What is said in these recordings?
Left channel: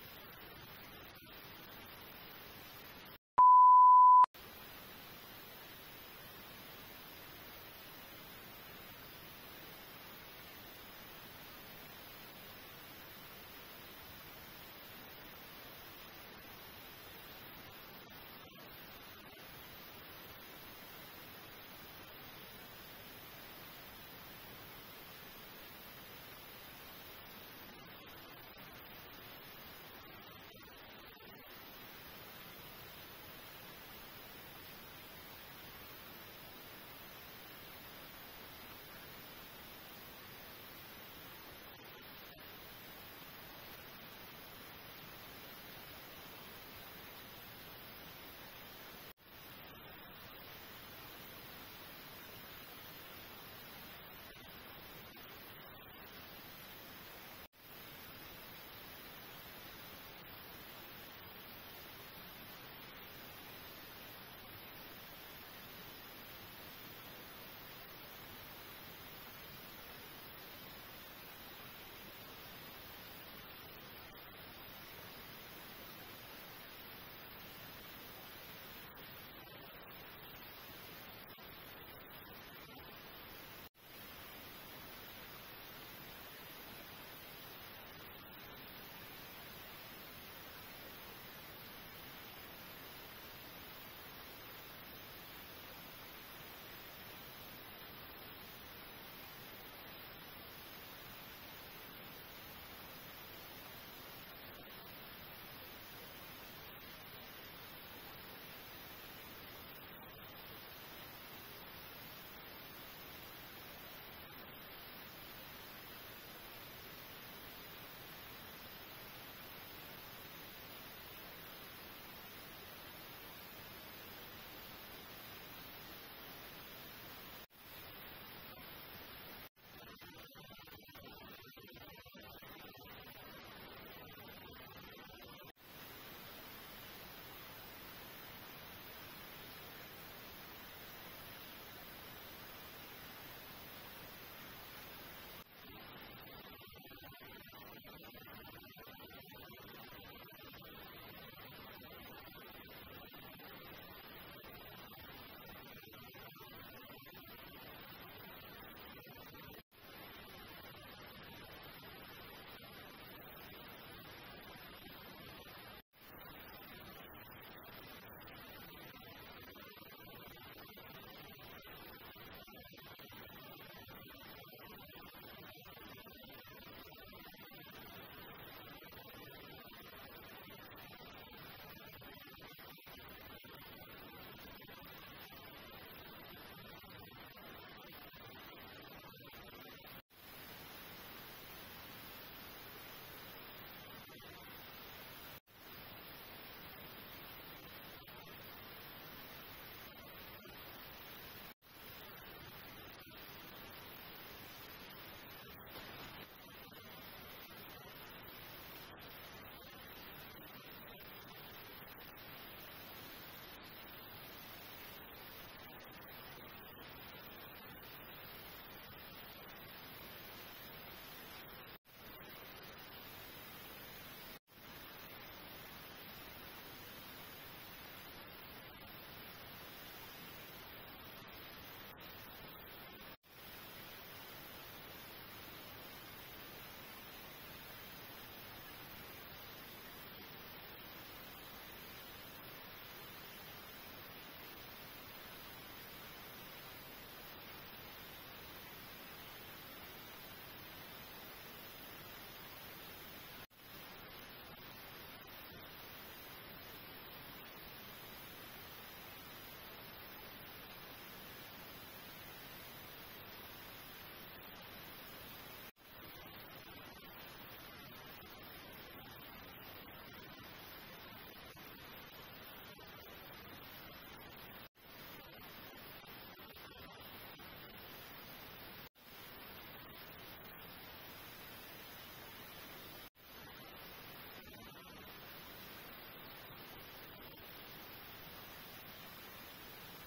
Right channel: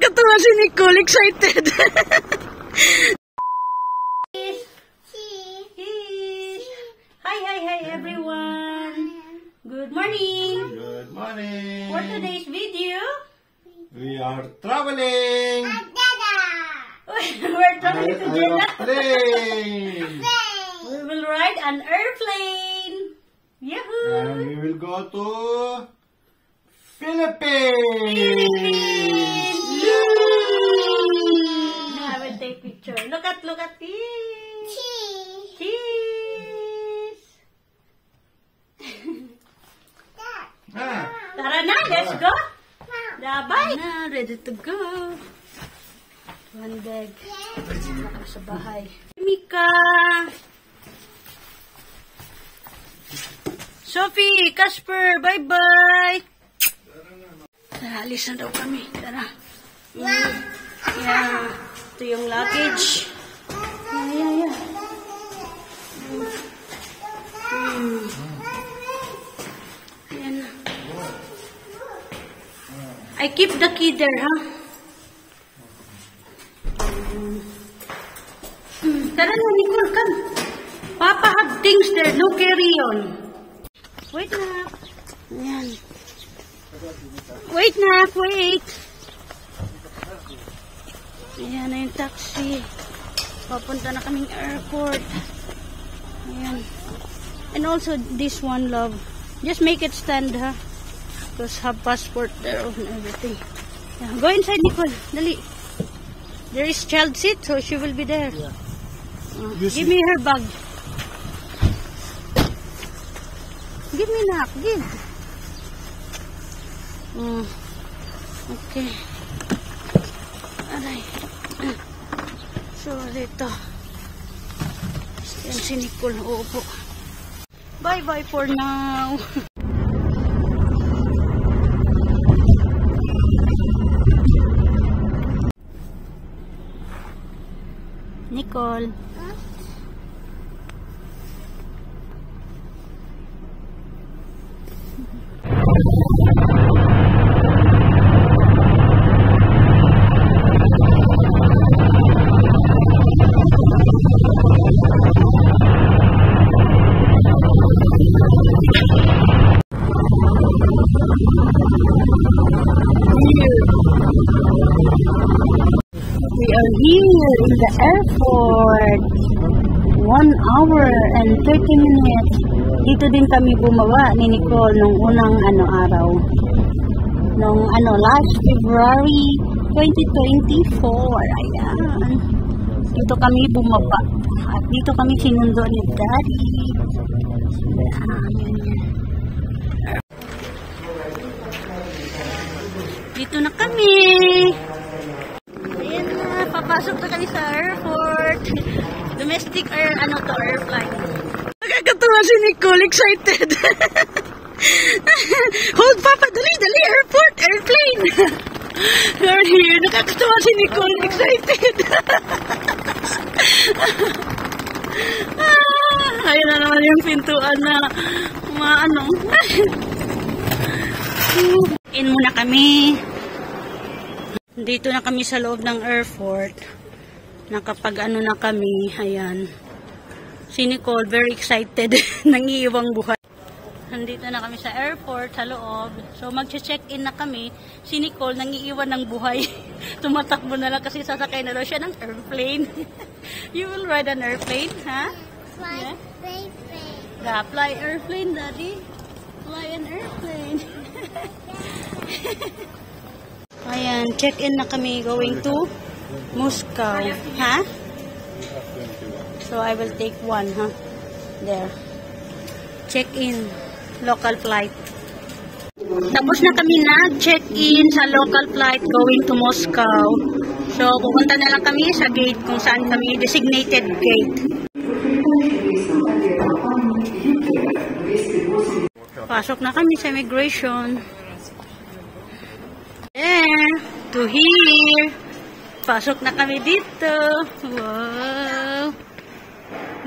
Nakakatuwa si Nicole, excited. Hi everyone. Good morning. Good morning. For today's video, We are traveling. we're traveling to Jeddah. Airplane. We will ride an airplane. Yahoo! And we will go to Philippines. I will take picture. Look at this. Cheese. Ah, Tara na, let's go. Bye. Na, ready to go. One bag. Ako sa bahay. Mika. Sophie, Casper, bye-bye. Tara, alis na daw kami. Tara. Yeah. Ito yung luggage. Yeah. Ayan na. I keep the key there, huh? Tara na, Nicole, come. Papa have things there. No carry on. Wait na. Ayan. Wait na, wait. Ayan na yung taxi. Papunta na kaming airport. Ayan. And also this one, love. Just make it stand, ha? Because have passport there and everything. Yeah. Go inside, Nicole. Dali. There is child seat, so she will be there. Yeah. Give me her bag. Give me na. Give. Okay. Aray. So, dito. Yan si Nicole. Uupo. Bye-bye for now. Nicole. We are here in the airport. 1 hour and 30 minutes. Dito din kami bumaba ni Nicole nung unang araw. Nung last February 2024. Ayan. Dito kami bumaba. At dito kami sinundo ni Daddy. Ayan. Dito na kami. Ayan na, papasok na kami sa airport. Domestic airplane. Nakakatuwa si Nicole, excited. Hold Papa, dali, airplane. We're here. Nakakatuwa si Nicole, excited. Ayun na naman yung pintuan na In muna kami. Dito na kami sa loob ng airport. Nakapag na kami. Ayan. Si Nicole, very excited. Nangiiwang buhay. Nandito na kami sa airport, sa loob. So, mag-check-in na kami. Si Nicole, nangiiwan ng buhay. Tumatakbo na lang kasi sasakay na daw siya ng airplane. You will ride an airplane, ha? Fly, Yeah? plane. Fly airplane, Daddy. Fly an airplane. Ayan, check-in na kami going to Moscow. Ha? So, I will take one, ha? There. Check-in. Local flight. Tapos na kami nag-check-in sa local flight going to Moscow. So, pupunta na lang kami sa gate kung saan kami designated gate. Pasok na kami sa immigration. There, to here. Pasok na kami dito. Wow.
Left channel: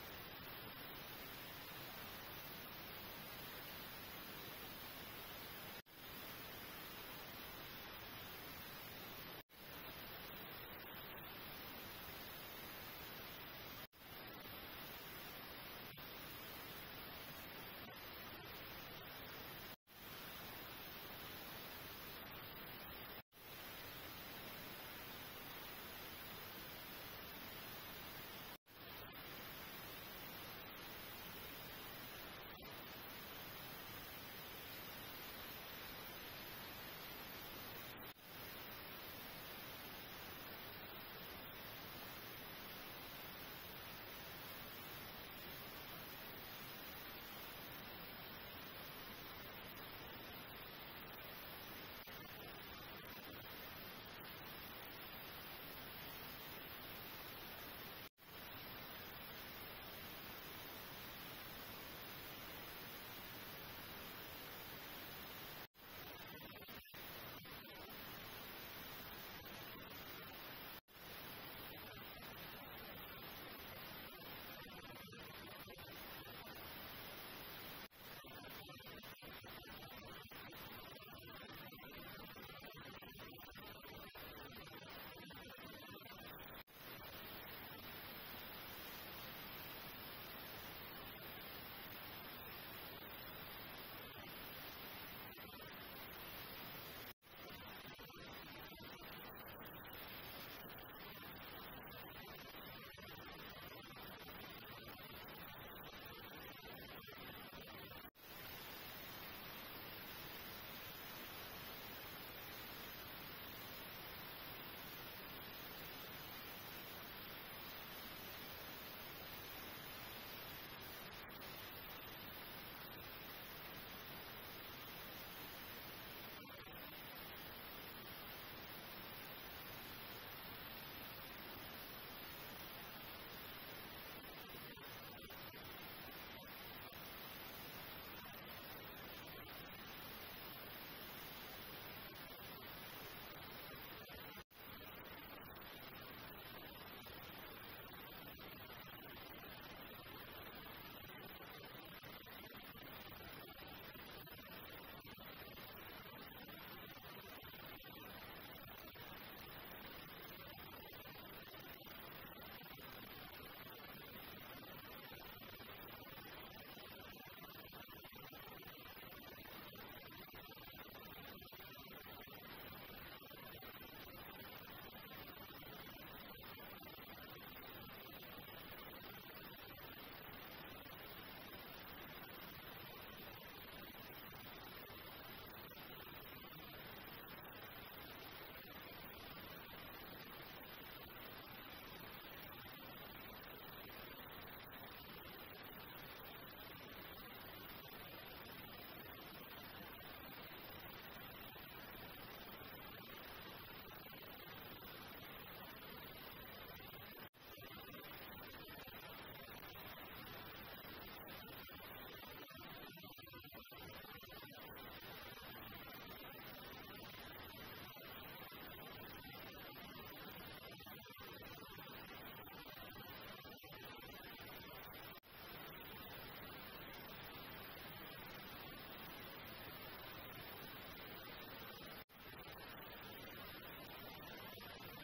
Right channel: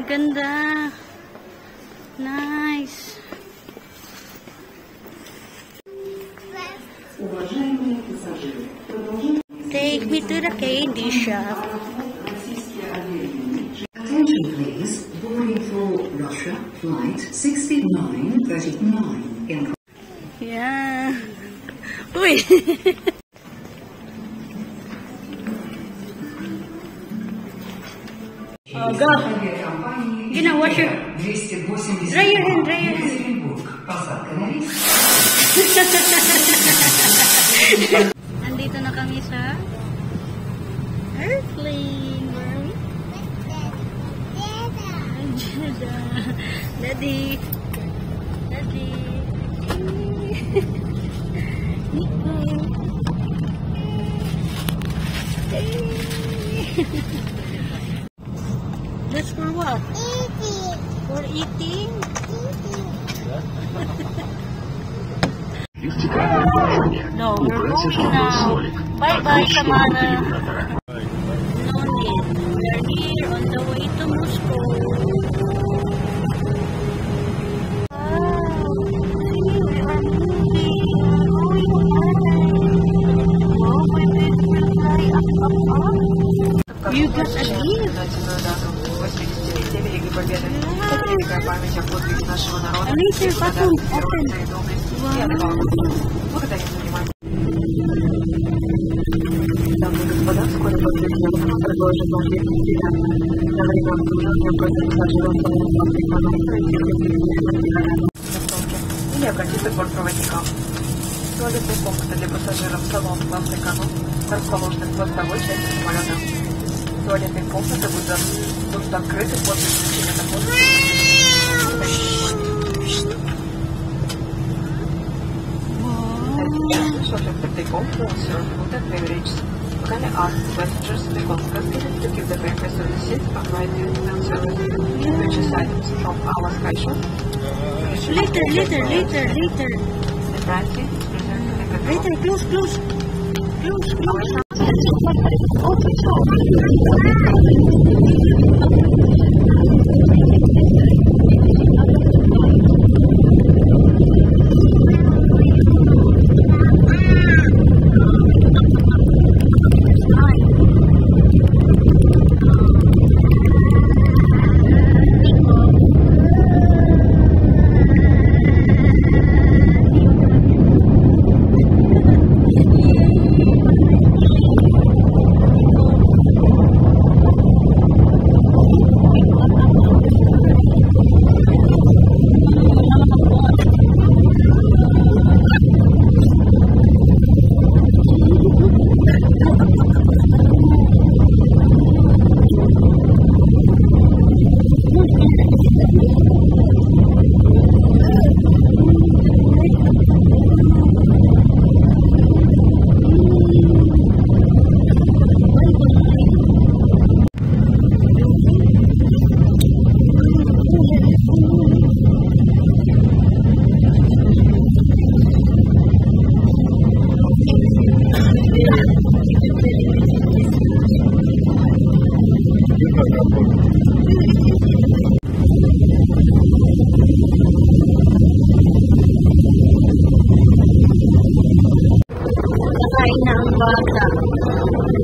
Ganda. Nice. Thank Take me to the candy shop. Attention please, boarding for Russia, flight 6939 in... Yeah. Uy! Oh, go. Gina, wash your... Dry your hand, dry your hand. Andito na kami sa airplane. Where are we? Jeddah. Daddy. Daddy. Nico. That's for what? Eating. For eating? No, we're going now. Bye-bye, Samara. No need. We're here on the way to Moscow. Wow. See, we are moving. Oh, my baby will fly up. You got a gift. Alicia, button, open. Дамы и господа, вскоре после съемок предложит ваш вестник на время обслуживания против пассажиров самолета приканов или обратиться к бортпроводникам. Туалетные комнаты для пассажиров салон класс эконом расположены в хвостовой части самолета. Туалетные комнаты будут открыты после включения на воздух. Shortly take off for serve food and beverages. Can I ask passengers to constantly to keep the breakfast on the seat and write the service purchase items from our sky shop? Later. The pricing is presented in the Later, close.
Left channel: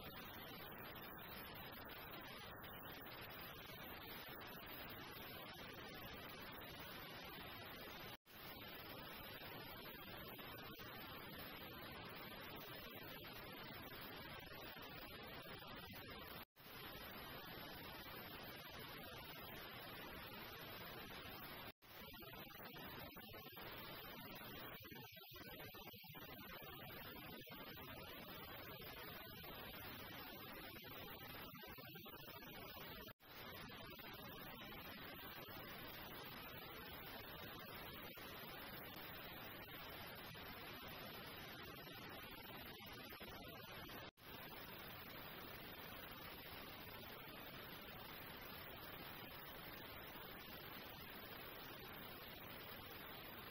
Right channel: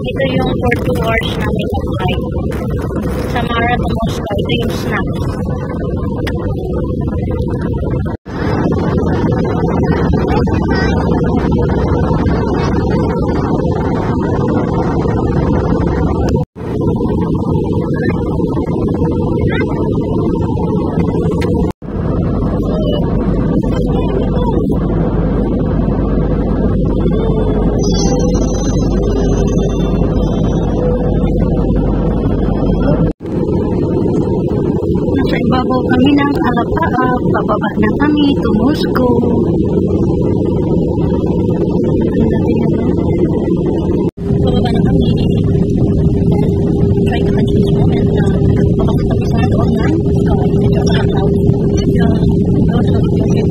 Ito yung for 2 hours namin flight. Samara to Moscow. Ito yung snacks. Bago kami ng Alapaap, pababa na kami to Moscow. Pababa na kami. Try to catch this moment na pababa kami sa doon na medyo nakakaw. Doon sa video.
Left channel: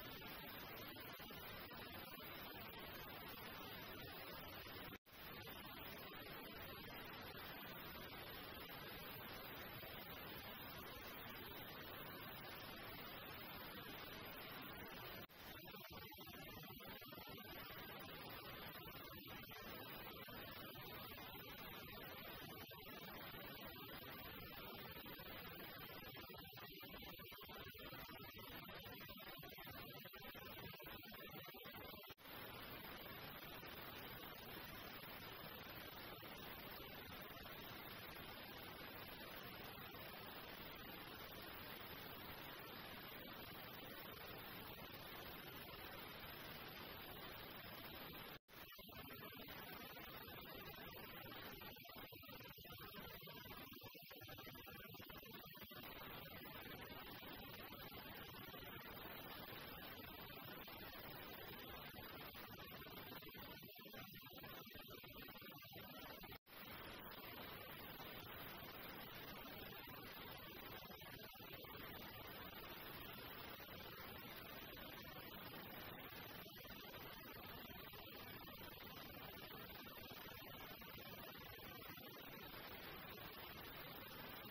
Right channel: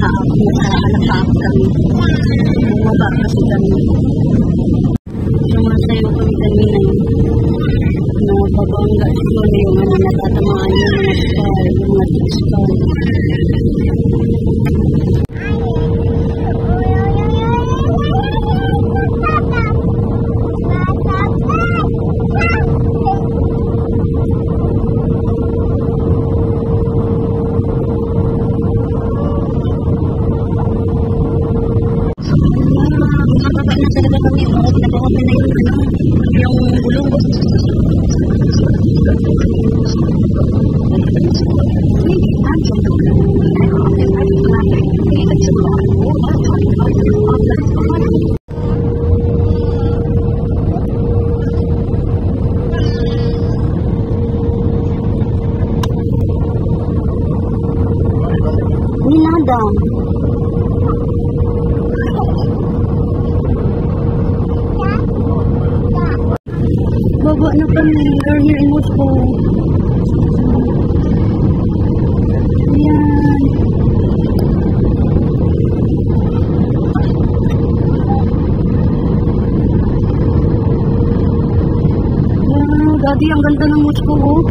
nakaap kami. Bumaba kasi kami. Sumasayo kami kanina yun. Nababangga siguro yung natatamaan yung mga star, yung mga star. Baba na kami. We're here in Moscow. Ayan. Wow, Daddy, ang ganda ng Moscow, oh.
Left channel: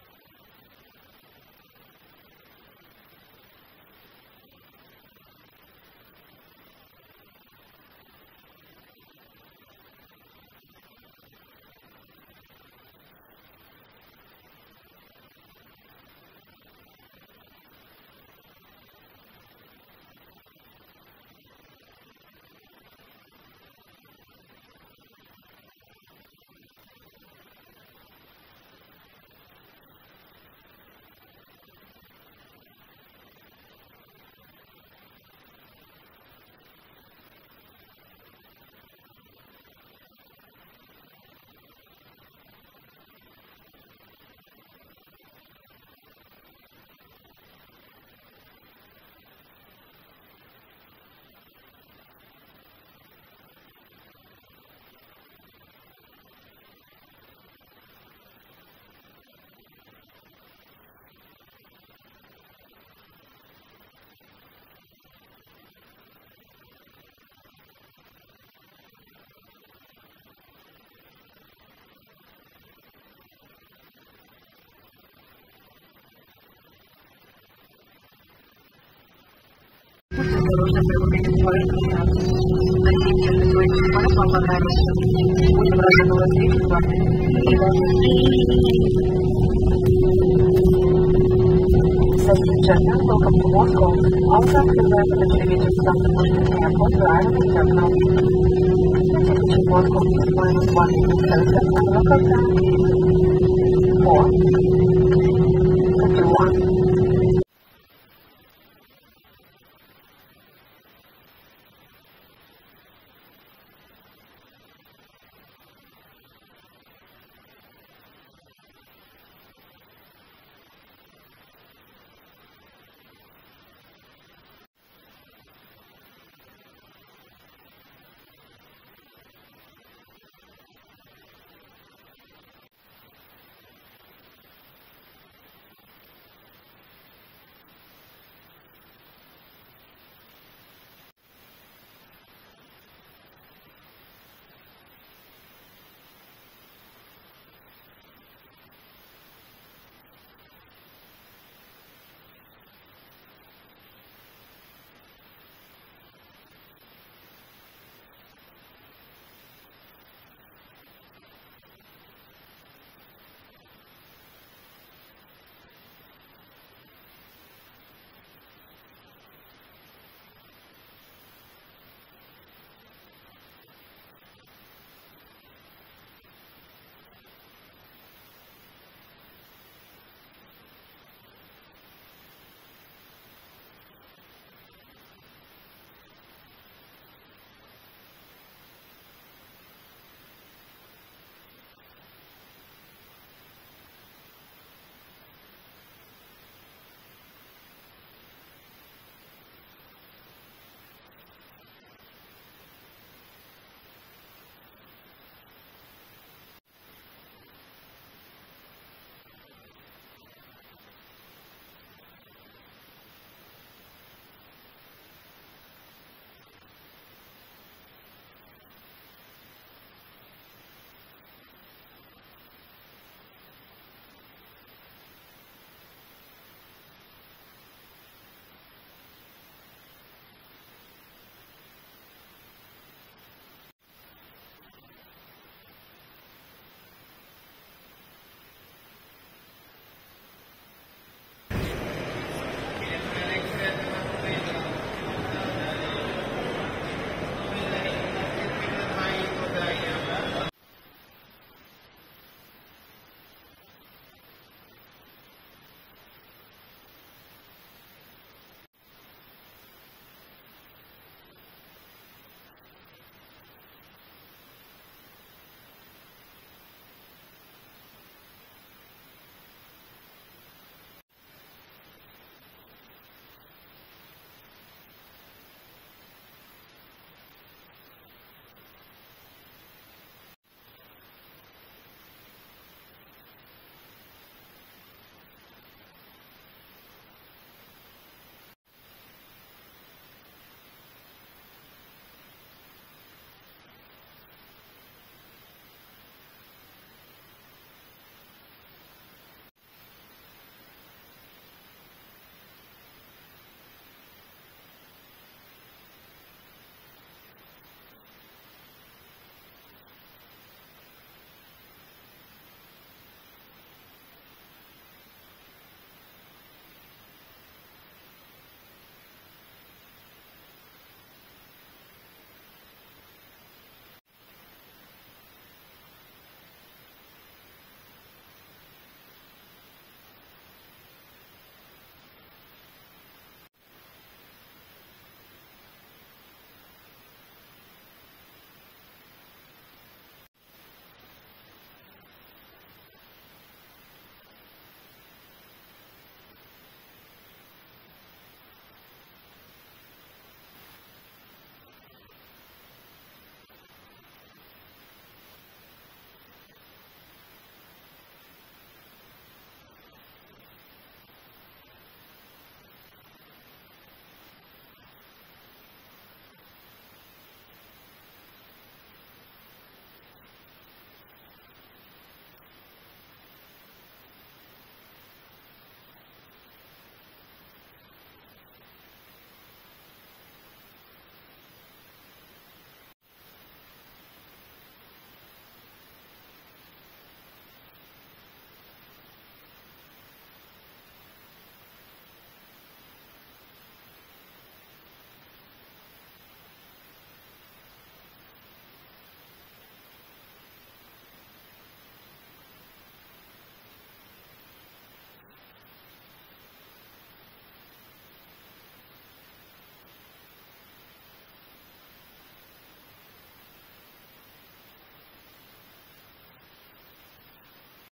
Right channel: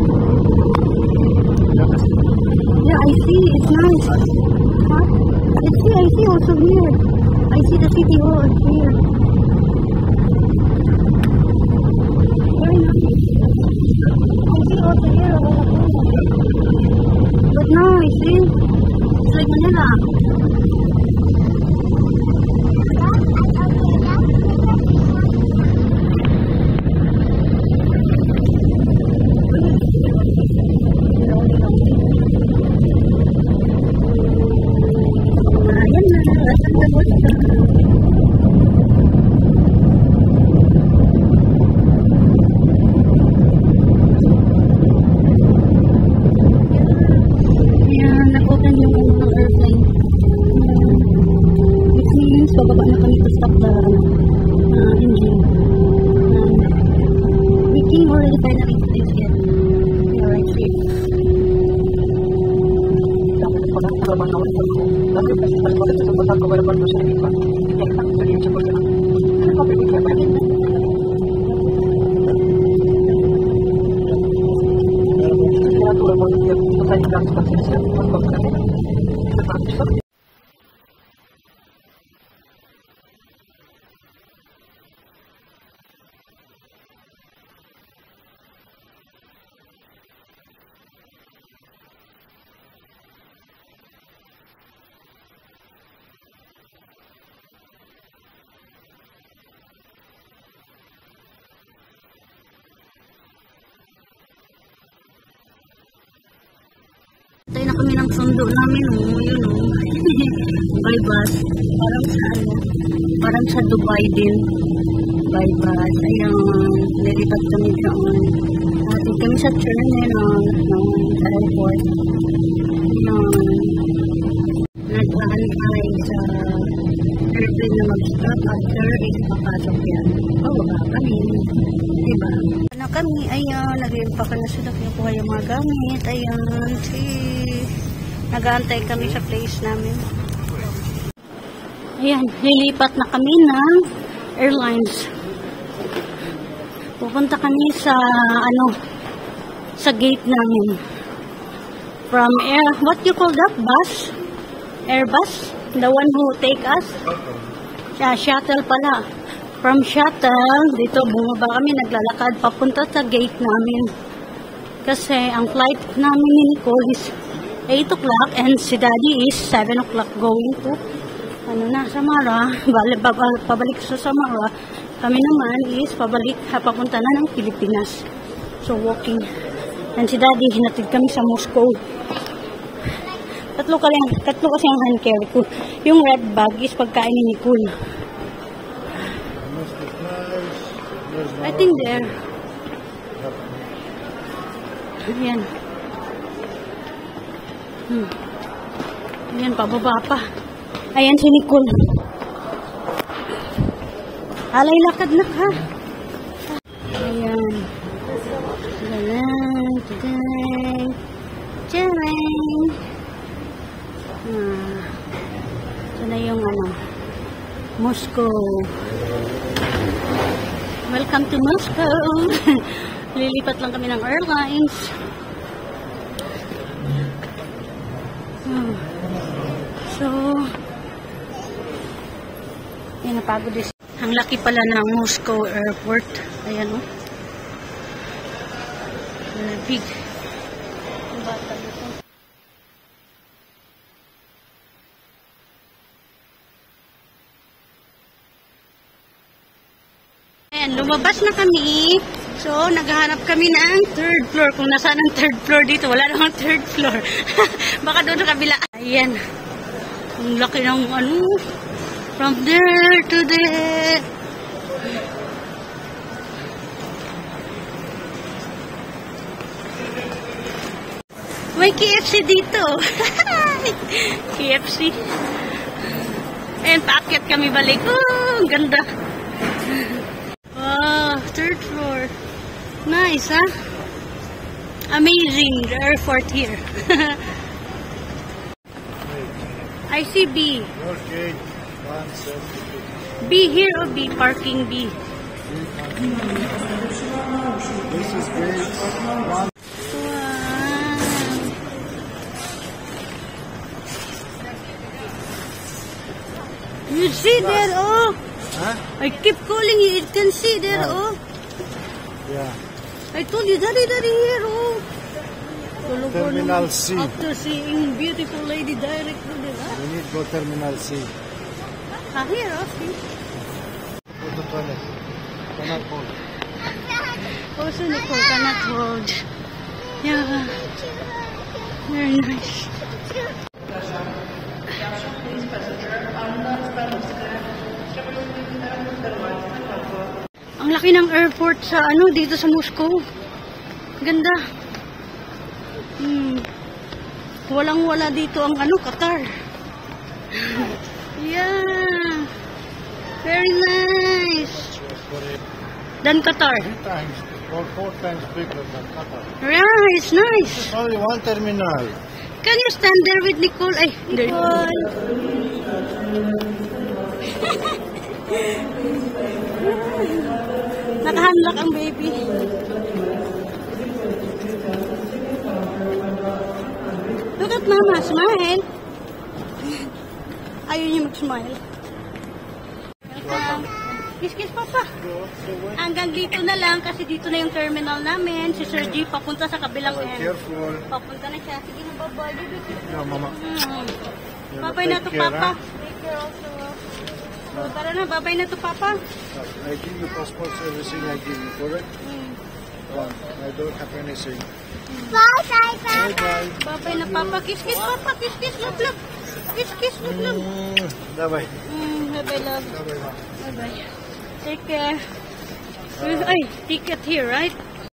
Yeah, I see. It's nice. Huh? I see also here. I see the city hall here. Very nice. I see also here a lot of things. But now I see it's like Manila. Bababa na kami to stop the engine. We came already finally to this yet. We are right here. Welcome to Moscow. All traffic is right on the television from the Moscow airport to Ireland terminal. Reaching Moscow is -1 minute Celsius and local time is 4. 51. Tayo na kami ng sundo namin, oh. Yun, oh. By bus. Parang sa Dubai din. By bus. Ayan. Nilipat kami doon. Atin kami sa terminal ng airport. Nag-aanay sa airplane na mag-stop after is papasok yan. Baba kami. Diba? Na kami, ayan, nag-iimpakan na sila, kinukuha yung mga gamit, ayan, nag-aantay kami sa place namin. Ayan, lilipat na kami ng airlines. Pupunta kami sa, sa gate namin. From what you call that? Bus? Airbus? The one who take us? Yeah, shuttle pala. From shuttle, dito bumaba kami, naglalakad papunta sa gate namin. Kasi ang flight namin ni Nicole is 8 o'clock and si Daddy is 7 o'clock going to Samara. Pabalik sa Samara. Kami naman is papunta na ng Pilipinas. So walking. And si Daddy, hinatid kami sa Moscow. Tatlo kasi ang hand carry ko. Yung red bag is pagkain ni Nicole. I think there. Ayan. Ayan, pababa pa. Ayan si Nicole. Alay lakad na ka. Ayan. Galang. Tadang. Tadang. Moscow. Welcome to Moscow. Lilipat lang kami ng airlines. So, yan, napagod din. Ang laki pala ng Moscow airport. Ayan, oh. Big. Ang bata ito. Ayan, lumabas na kami. So, naghahanap kami ng third floor. Kung nasaan ang third floor dito, wala namang third floor. Baka doon sa kabila. Ayan. Ang laki ng ano. From there to there. May KFC dito. KFC. Ayan, paakyat kami balik. Oh, ang ganda. Wow, third floor. Nice, huh? Amazing, the airport here. I see B. Okay. 172. B here or B? Parking B. This is gate 1. Wow. You see there, oh. Huh? I keep calling you. It can see there, oh. Yeah. I told you, daddy here, oh. Tulog ko Terminal naman. C. After seeing beautiful lady direct to the We need to go Terminal C. here, oh. See? Go to toilet. Cannot hold. Also, Nicole cannot hold. Yeah. Very nice. Ang laki ng airport sa ano dito sa Moscow. Ganda. Walang-wala dito ang ano, Qatar. Yeah. Very nice. Than Qatar. 3 times or 4 times bigger than Qatar. Yeah, it's nice. It's only one terminal. Can you stand there with Nicole? Ay, there. Nakahanlak ang baby. Look at Mama, smile. Ayaw niya mag-smile. Welcome. Kiss, Papa. Hanggang dito na lang kasi dito na yung terminal namin. Si Sir G papunta sa kabilang end. Careful. Papunta na siya. Sige na, bye-bye. No, Mama. Babay na to, Papa. Take care also. So, tara na, babay na to, Papa. I give you passports, everything I give you, correct? I don't have anything. Bye bye. Babay na, Papa. Kiss, Papa. Kiss, love, love. Kiss, love, love. Bye bye. Bye-bye, love. Bye bye. Bye-bye. Take care. Ay, ticket here, right?